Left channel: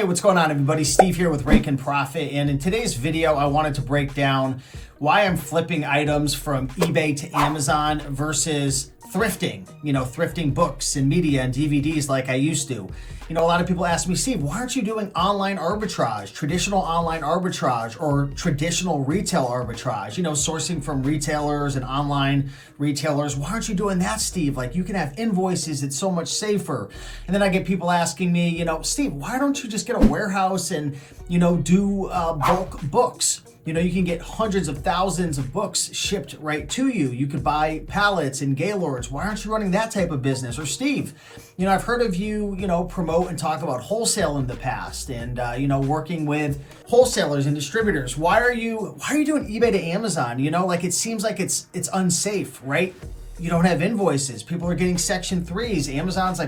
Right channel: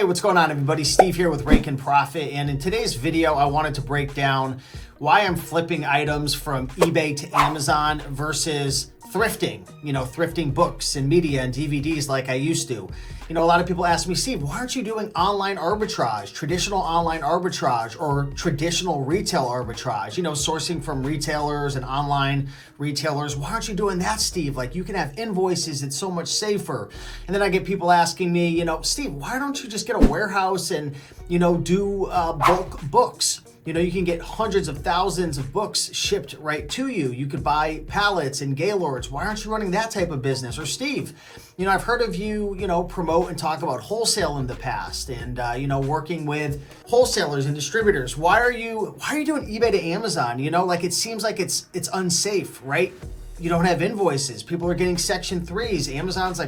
Hey, what's going on, everybody? Steve here with Rake and Profit, and in today's video I wanted to break down why I'm flipping items from eBay to Amazon versus thrifting, thrifting books and media and DVDs like I used to. A lot of people ask me, Steve, why aren't you doing online arbitrage, traditional online arbitrage, or traditional retail arbitrage, sourcing from retailers and online retailers? Why aren't you doing that, Steve? Like, you can have invoices, it's so much safer. And then I get people asking me, Steve, why don't you just get a warehouse and, do bulk books? You can get hundreds of thousands of books shipped right to you. You could buy pallets and Gaylords. Why aren't you running that type of business? Or Steve, I've heard of you, promote and talk about wholesale in the past and, working with wholesalers and distributors. Why are you doing eBay to Amazon? It seems like it's unsafe, right? You don't have invoices. People are getting Section 3s. Amazon's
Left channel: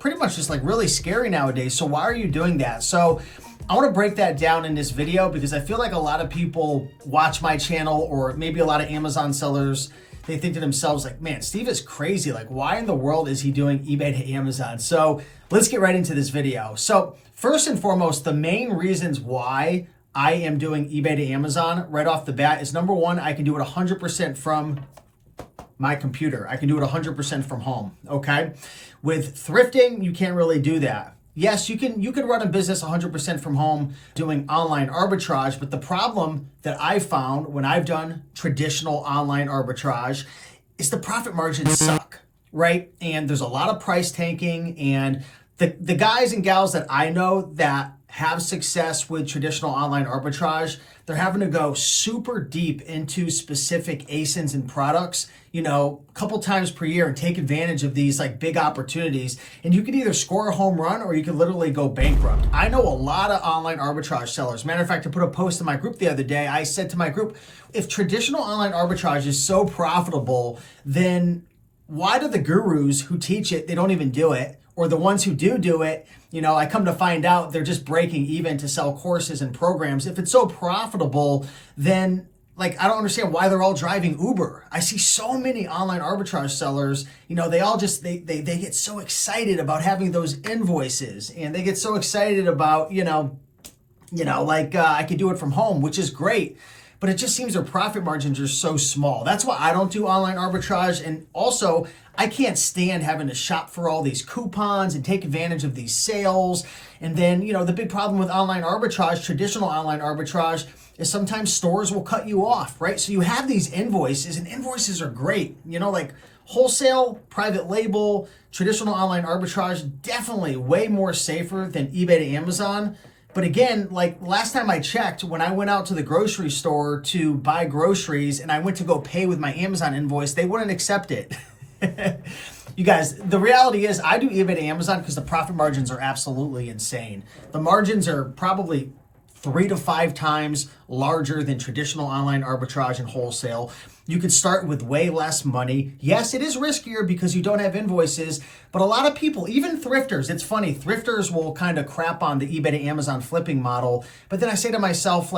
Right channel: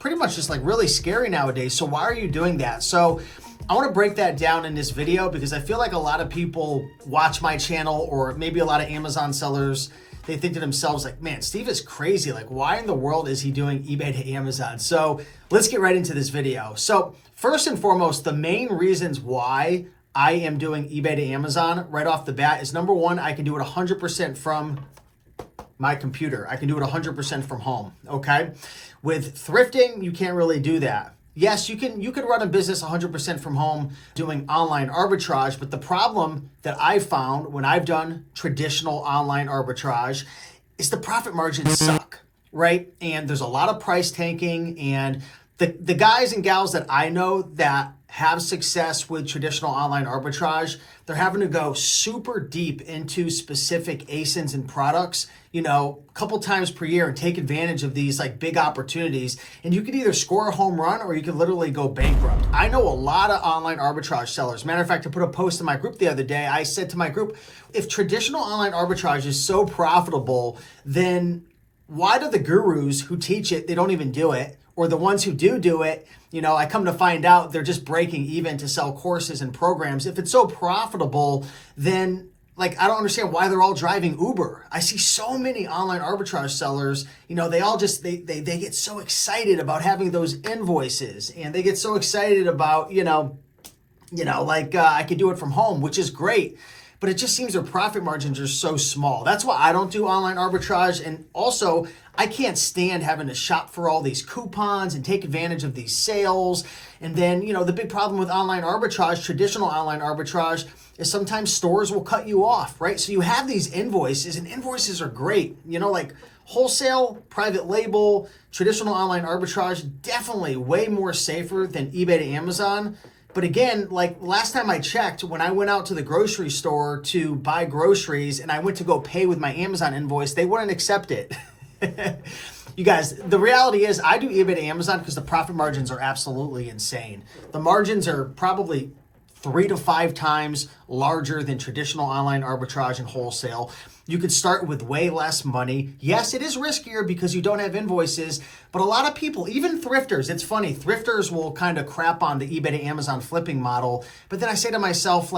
pretty much just really scary nowadays. So why are you doing that? So I want to break that down in this video because I feel like a lot of people watch my channel, or maybe a lot of Amazon sellers, they think to themselves like, man, Steve is crazy. Like, why in the world is he doing eBay to Amazon? So let's get right into this video. So first and foremost, the main reasons why I am doing eBay to Amazon right off the bat is, number one, I can do it 100% from my computer. I can do it 100% from home, okay? With thrifting, you can't really do that. Yes, you can run a business 100% from home doing online arbitrage, but the problem that I've found when I've done traditional online arbitrage is the profit margins suck, right? And there's a lot of price tanking, and the guys and gals that I know that have success with traditional online arbitrage, they're having to go super deep into specific ASINs and products, a couple times per year, and take advantage of these big opportunities. And you could either score a home run or you could literally go bankrupt. I know a lot of online arbitrage sellers. Matter of fact, I put a post in my group the other day. I said to my group, if traditional online arbitrage is so profitable, then why do the gurus who teach it, they don't even do it? Or the ones who do it, I come to find out they're just breaking even to sell courses and programs. If it's so profitable, then I don't understand why they're all driving Uber. I see so many online arbitrage sellers, they all just, they get so excited about having those invoices, and they get so excited about, I could do it from home, which is great. But it just seems their profit margins are so small. That's why I don't do online arbitrage. And also, I can't stand having to shop for all these coupons and take advantage of these sales. And then, the big problem with online arbitrage, traditional online arbitrage, is sometimes stores will cut you off, right? So you have these invoices, and invoices are great. Wholesale, private label, traditional online arbitrage, definitely way more safer than eBay to Amazon. But again, last time I checked, when I went out to the grocery store to buy groceries and I went to go pay with my Amazon invoice, they wouldn't accept it. You guys, the reality is I do eBay to Amazon because the profit margins are absolutely insane. The margins are probably 3 to 5 times larger than traditional online arbitrage and wholesale. You could start with way less money. Yes, it is riskier because you don't have invoices, but a lot of people, even thrifters, it's funny, thrifters will kind of crap on the eBay to Amazon flipping model. But then I say to myself,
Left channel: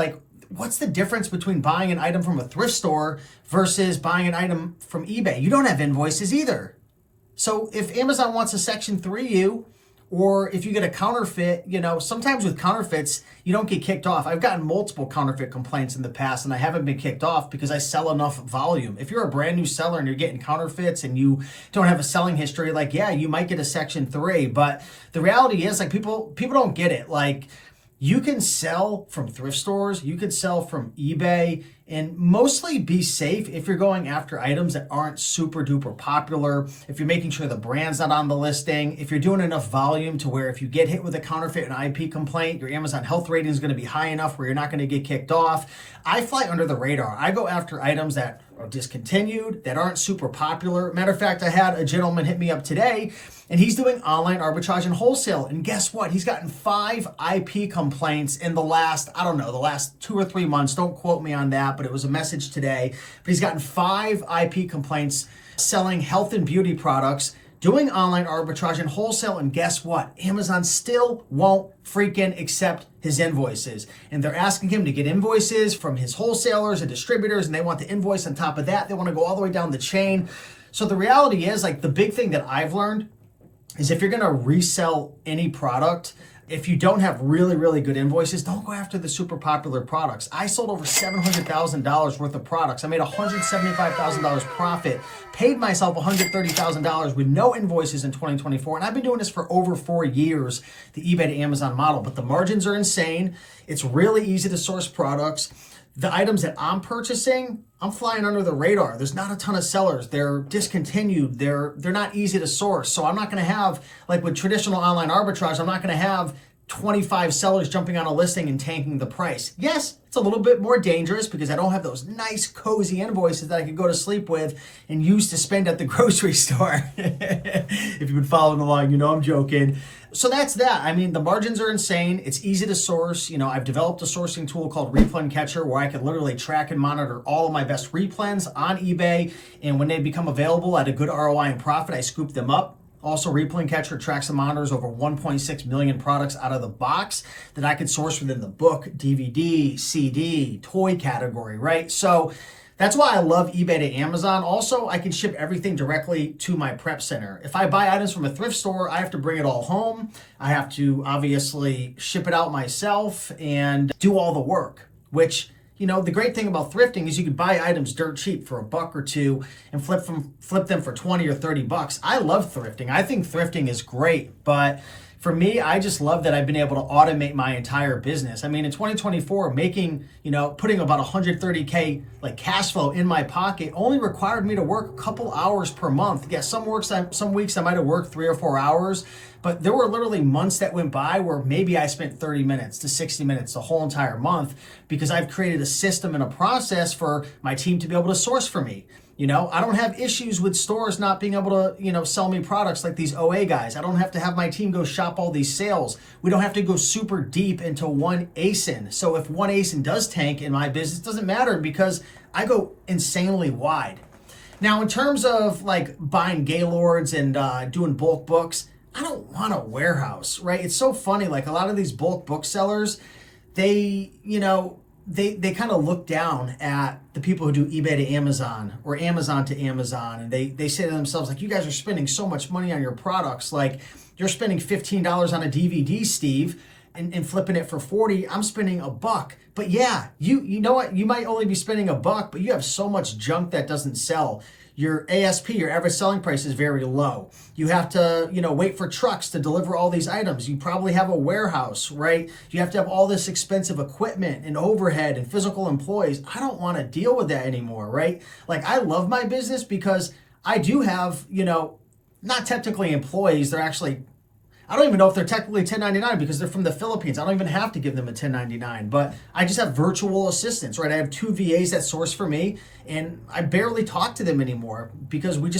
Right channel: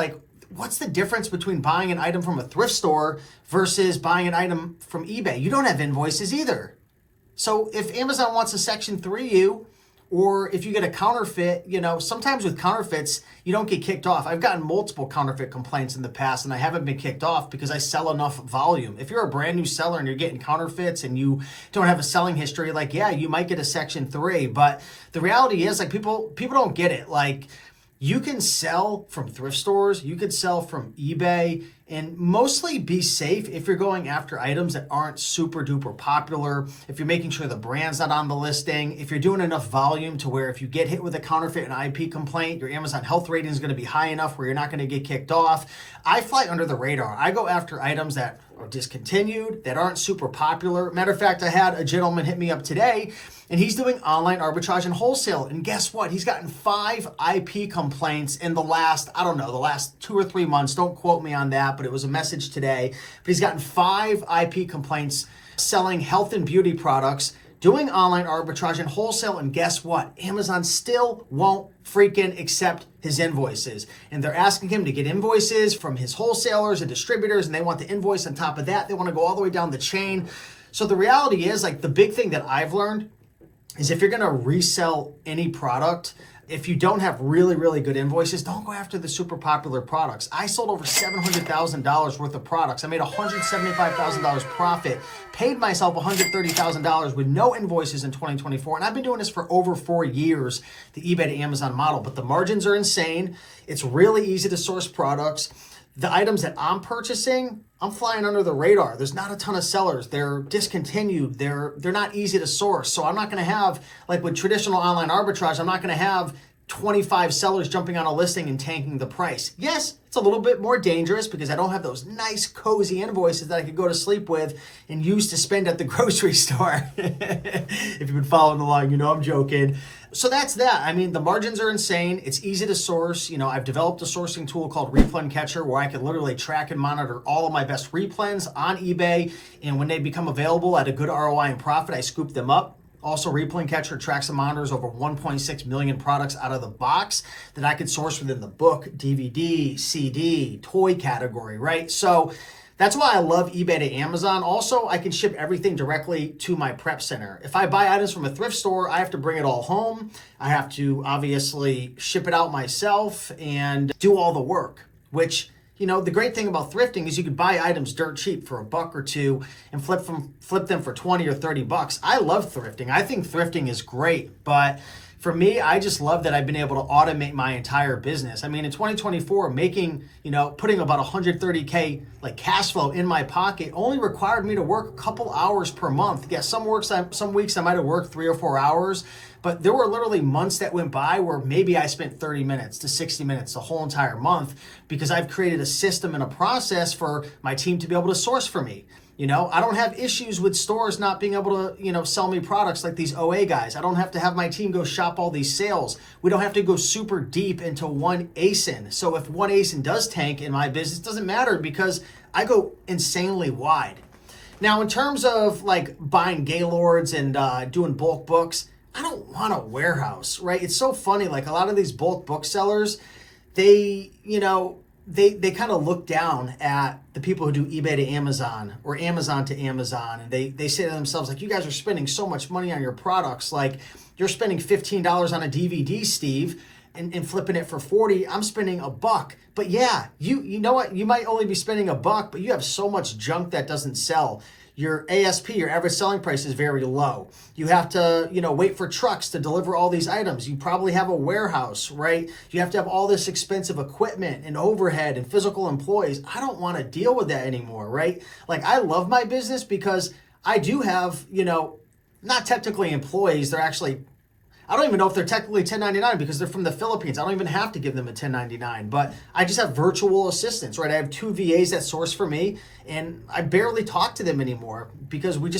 what's the difference between buying an item from a thrift store versus buying an item from eBay? You don't have invoices either. So if Amazon wants a Section 3 you, or if you get a counterfeit, sometimes with counterfeits, you don't get kicked off. I've gotten multiple counterfeit complaints in the past, and I haven't been kicked off because I sell enough volume. If you're a brand new seller and you're getting counterfeits and you don't have a selling history, yeah, you might get a Section 3. But the reality is, people don't get it. You can sell from thrift stores, you could sell from eBay, and mostly be safe if you're going after items that aren't super duper popular, if you're making sure the brand's not on the listing, if you're doing enough volume to where if you get hit with a counterfeit and IP complaint, your Amazon health rating is going to be high enough where you're not going to get kicked off. I fly under the radar. I go after items that are discontinued, that aren't super popular. Matter of fact, I had a gentleman hit me up today, and he's doing online arbitrage and wholesale. And guess what? He's gotten 5 IP complaints in the last 2 or 3 months. Don't quote me on that, but it was a message today. But he's gotten 5 IP complaints selling health and beauty products, doing online arbitrage and wholesale. And guess what? Amazon still won't freaking accept his invoices. And they're asking him to get invoices from his wholesalers and distributors, and they want the invoice on top of that. They want to go all the way down the chain. So the reality is, the big thing that I've learned is if you're going to resell any product, If you don't have really, really good invoices, don't go after the super popular products. I sold over $700,000 worth of products. I made $175,000 profit, paid myself $130,000 with no invoices in 2024. And I've been doing this for over 4 years, the eBay to Amazon model. But the margins are insane. It's really easy to source products. The items that I'm purchasing, I'm flying under the radar. There's not a ton of sellers. They're discontinued. They're not easy to source. So I'm not going to have, like with traditional online arbitrage, I'm not going to have 25 sellers jumping on a listing and tanking the price. Yes, it's a little bit more dangerous because I don't have those nice, cozy invoices that I could go to sleep with and use to spend at the grocery store. If you've been following along, you know I'm joking. So that's that. I mean, the margins are insane. It's easy to source. You know, I've developed a sourcing tool called Replen Catcher where I can literally track and monitor all of my best replens on eBay. And when they become available at a good ROI and profit, I scoop them up. Also, Replen Catcher tracks and monitors over 1.6 million products out of the box that I could source within the book, DVD, CD, toy category, right? So that's why I love eBay to Amazon. Also, I can ship everything directly to my prep center. If I buy items from a thrift store, I have to bring it all home. I have to obviously ship it out myself and do all the work, which, you know, the great thing about thrifting is you can buy items dirt cheap for $1 or $2 and flip them for 20 or 30 bucks. I love thrifting. I think thrifting is great, but for me, I just love that I've been able to automate my entire business. I mean, in 2024, putting about 130K like cash flow in my pocket only required me to work a couple hours per month. Yeah, some weeks I might have worked 3 or 4 hours, but there were literally months that went by where maybe I spent 30 minutes to 60 minutes the whole entire month because I've created a system and a process for my team to be able to source for me. You know, I don't have issues with stores not being able to, sell me products like these OA guys. I don't have to have my team go shop all these sales. We don't have to go super deep into one ASIN. So if one ASIN does tank in my business, it doesn't matter because I go insanely wide. Now, in terms of like buying Gaylords and doing bulk books, I don't want a warehouse, right? It's so funny. Like a lot of these bulk booksellers, they kind of look down at the people who do eBay to Amazon or Amazon to Amazon. And they say to themselves, like, you guys are spending so much money on your products. Like, you're spending $15 on a DVD, Steve, and flipping it for 40. I'm spending $1. But yeah, you know what? You might only be spending $1, but you have so much junk that doesn't sell. Your ASP, your average selling price, is very low. You have to, wait for trucks to deliver all these items. You probably have a warehouse, right? You have to have all this expensive equipment and overhead and physical employees. I don't want to deal with that anymore, right? Like, I love my business because I do have, not technically employees. They're actually, I don't even know if they're technically 1099 because they're from the Philippines. I don't even have to give them a 1099, but I just have virtual assistants, right? I have 2 VAs that source for me and I barely talk to them anymore because we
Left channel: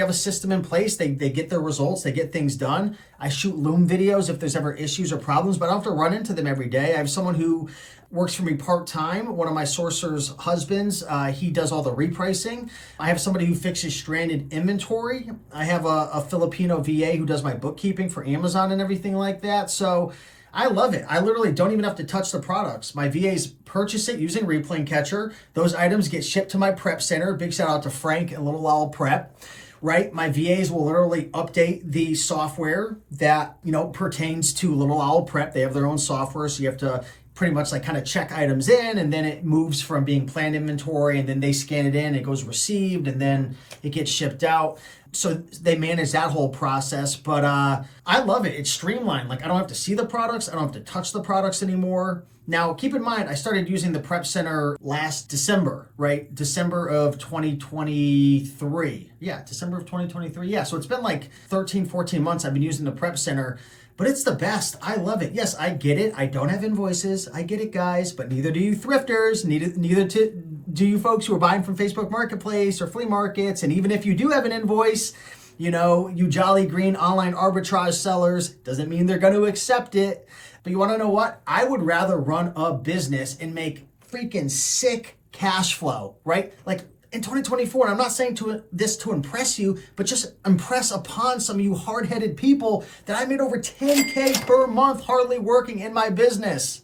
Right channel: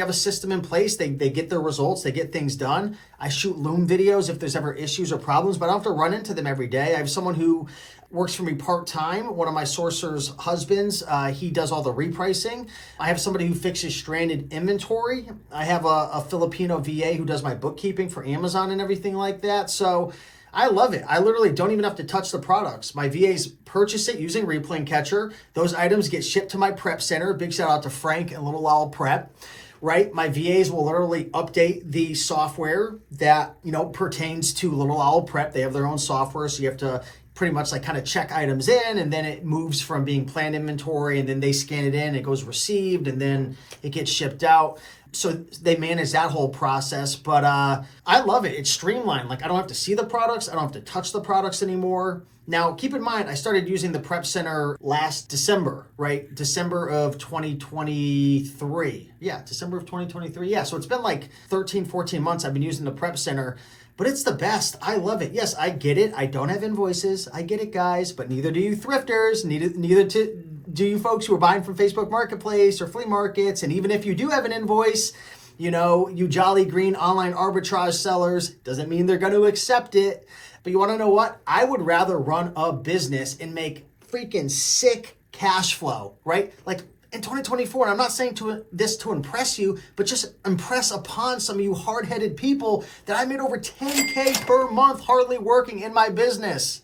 have a system in place. They get their results, they get things done. I shoot Loom videos if there's ever issues or problems, but I don't have to run into them every day. I have someone who works for me part-time. One of my sourcer's husbands, he does all the repricing. I have somebody who fixes stranded inventory. I have a Filipino VA who does my bookkeeping for Amazon and everything like that. So I love it. I literally don't even have to touch the products. My VAs purchase it using Replen Catcher. Those items get shipped to my prep center. Big shout out to Frank and Little Owl Prep. Right? My VAs will literally update the software that, pertains to Little Owl Prep. They have their own software, so you have to pretty much like kind of check items in, and then it moves from being planned inventory, and then they scan it in, it goes received, and then it gets shipped out. So they manage that whole process, but I love it. It's streamlined. Like, I don't have to see the products. I don't have to touch the products anymore. Now, keep in mind, I started using the Prep Center last December, right? December of 2023. Yeah, December of 2023. Yeah, so it's been like 13, 14 months I've been using the Prep Center, but it's the best. I love it. Yes, I get it. I don't have invoices. I get it, guys, but neither do you thrifters. Neither do you folks who are buying from Facebook Marketplace or flea markets. And even if you do have an invoice, you jolly green online arbitrage sellers, doesn't mean they're going to accept it. But you want to know what? I would rather run a business and make freaking sick cash flow, right? Like in 2024, I'm not saying this to impress you, but just impress upon some of you hard-headed people that I made over 10K per month hardly working in my business.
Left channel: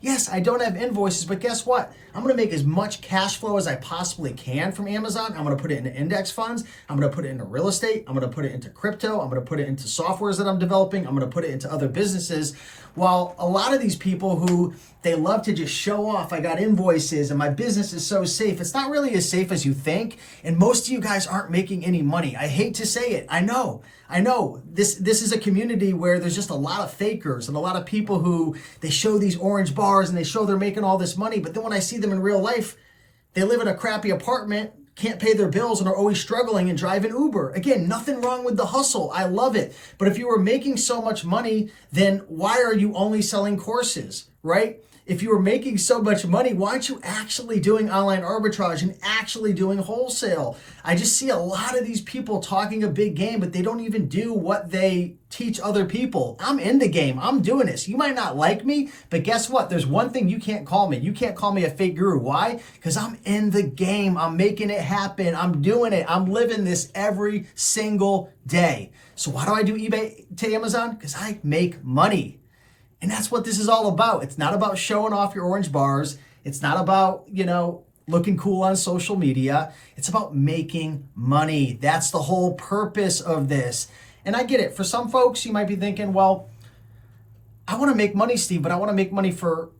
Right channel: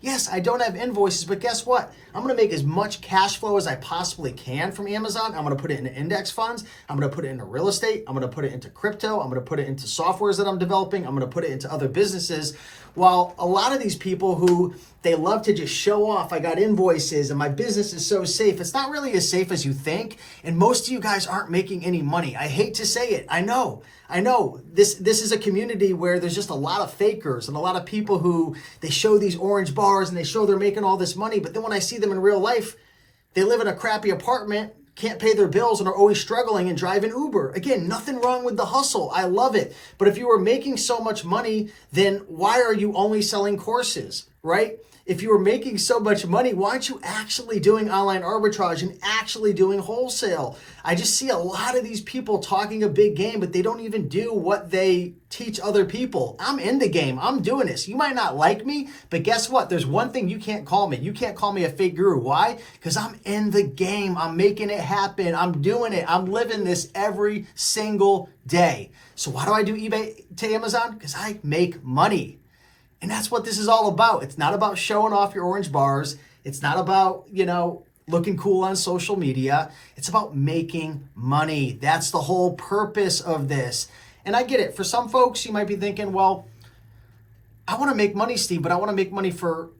Yes, I don't have invoices, but guess what? I'm gonna make as much cash flow as I possibly can from Amazon. I'm gonna put it into index funds. I'm gonna put it into real estate. I'm gonna put it into crypto. I'm gonna put it into softwares that I'm developing. I'm gonna put it into other businesses. While a lot of these people who they love to just show off, I got invoices and my business is so safe. It's not really as safe as you think. And most of you guys aren't making any money. I hate to say it. I know. This is a community where there's just a lot of fakers and a lot of people who they show these orange bars and they show they're making all this money. But then when I see them in real life, they live in a crappy apartment, can't pay their bills, and are always struggling and driving Uber. Again, nothing wrong with the hustle. I love it. But if you were making so much money, then why are you only selling courses, right? If you were making so much money, why aren't you actually doing online arbitrage and actually doing wholesale? I just see a lot of these people talking a big game, but they don't even do what they teach other people. I'm in the game. I'm doing this. You might not like me, but guess what? There's one thing you can't call me. You can't call me a fake guru. Why? Because I'm in the game. I'm making it happen. I'm doing it. I'm living this every single day. So why do I do eBay to Amazon? Because I make money. And that's what this is all about. It's not about showing off your orange bars. It's not about, looking cool on social media. It's about making money. That's the whole purpose of this. And I get it. For some folks, you might be thinking, well, I want to make money, Steve, but I want to make money for,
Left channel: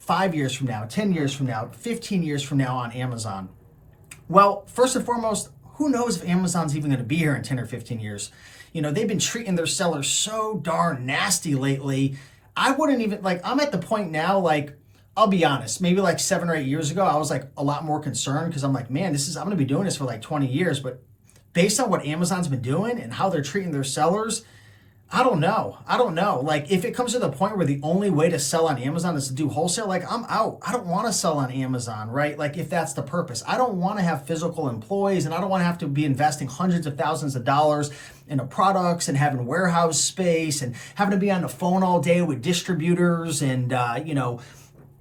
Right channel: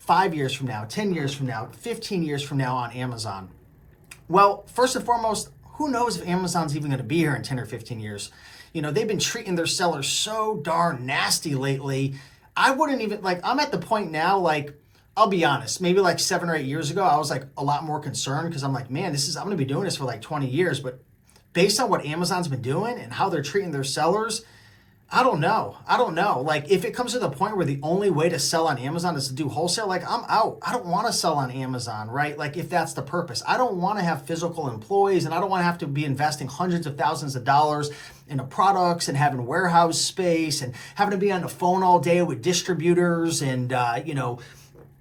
5 years from now, 10 years from now, 15 years from now on Amazon. Well, first and foremost, who knows if Amazon's even going to be here in 10 or 15 years? They've been treating their sellers so darn nasty lately. I wouldn't even, I'm at the point now, I'll be honest, maybe 7 or 8 years ago, I was a lot more concerned because I'm man, I'm going to be doing this for 20 years. But based on what Amazon's been doing and how they're treating their sellers, I don't know. If it comes to the point where the only way to sell on Amazon is to do wholesale, I'm out. I don't want to sell on Amazon, right? If that's the purpose. I don't want to have physical employees, and I don't want to have to be investing hundreds of thousands of dollars into products and having warehouse space and having to be on the phone all day with distributors and,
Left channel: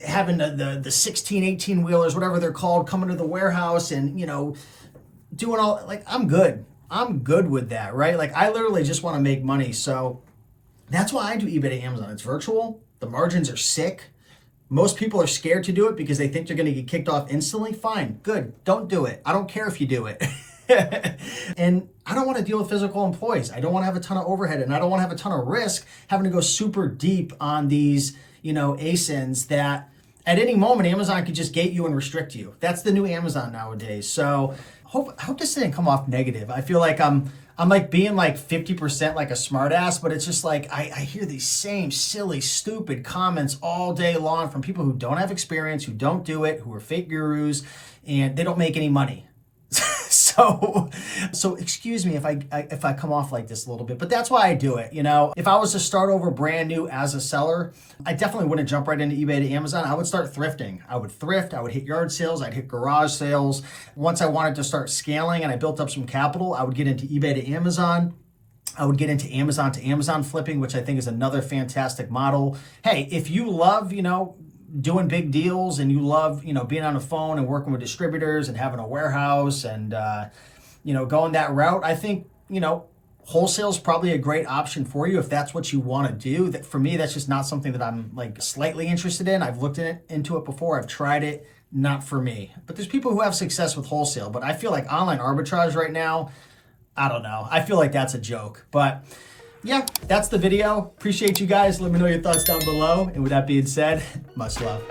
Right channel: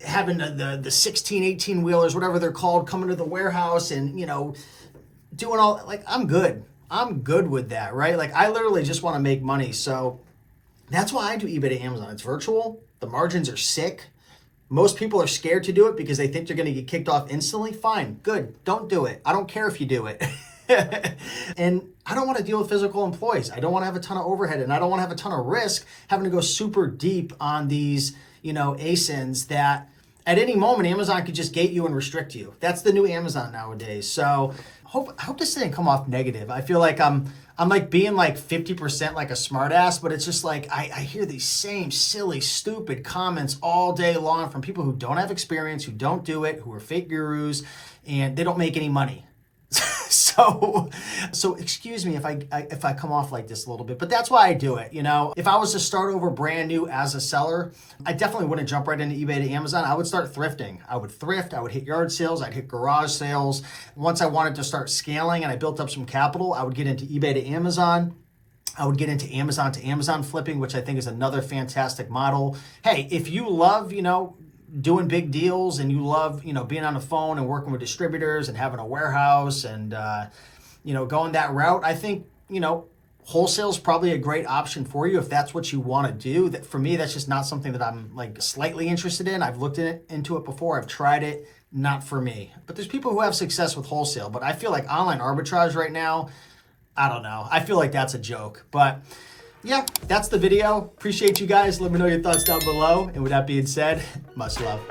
having the 16, 18 wheelers, whatever they're called, coming to the warehouse and, doing all, I'm good. I'm good with that, right? I literally just want to make money. So that's why I do eBay to Amazon. It's virtual. The margins are sick. Most people are scared to do it because they think they're going to get kicked off instantly. Fine, good. Don't do it. I don't care if you do it. And I don't want to deal with physical employees. I don't want to have a ton of overhead, and I don't want to have a ton of risk having to go super deep on these, ASINs that at any moment Amazon could just gate you and restrict you. That's the new Amazon nowadays. So I hope this didn't come off negative. I feel like I'm being 50% like a smartass, but it's just I hear these same silly, stupid comments all day long from people who don't have experience, who don't do it, who are fake gurus, and they don't make any money. So excuse me if I come off like this a little bit, but that's why I do it. If I was to start over brand new as a seller, I definitely wouldn't jump right into eBay to Amazon. I would start thrifting. I would thrift. I would hit yard sales. I'd hit garage sales. Once I wanted to start scaling and I built up some capital, I would get into eBay to Amazon. I would get into Amazon to Amazon flipping, which I think is another fantastic model. Hey, if you love, doing big deals and you love, being on the phone and working with distributors and having a warehouse and, going that route, I think, wholesale is probably a great option for you if that's what you want to do. That for me, that's just not something that I'm slightly interested in. I've looked into it before. I've tried it. Not for me. But there's people who have success with wholesale. But I feel like online arbitrage right now, I don't know. I feel like that's a joke. But yeah, that's the video. Appreciate you guys. Let me know your thoughts down below. And with that being said, much love.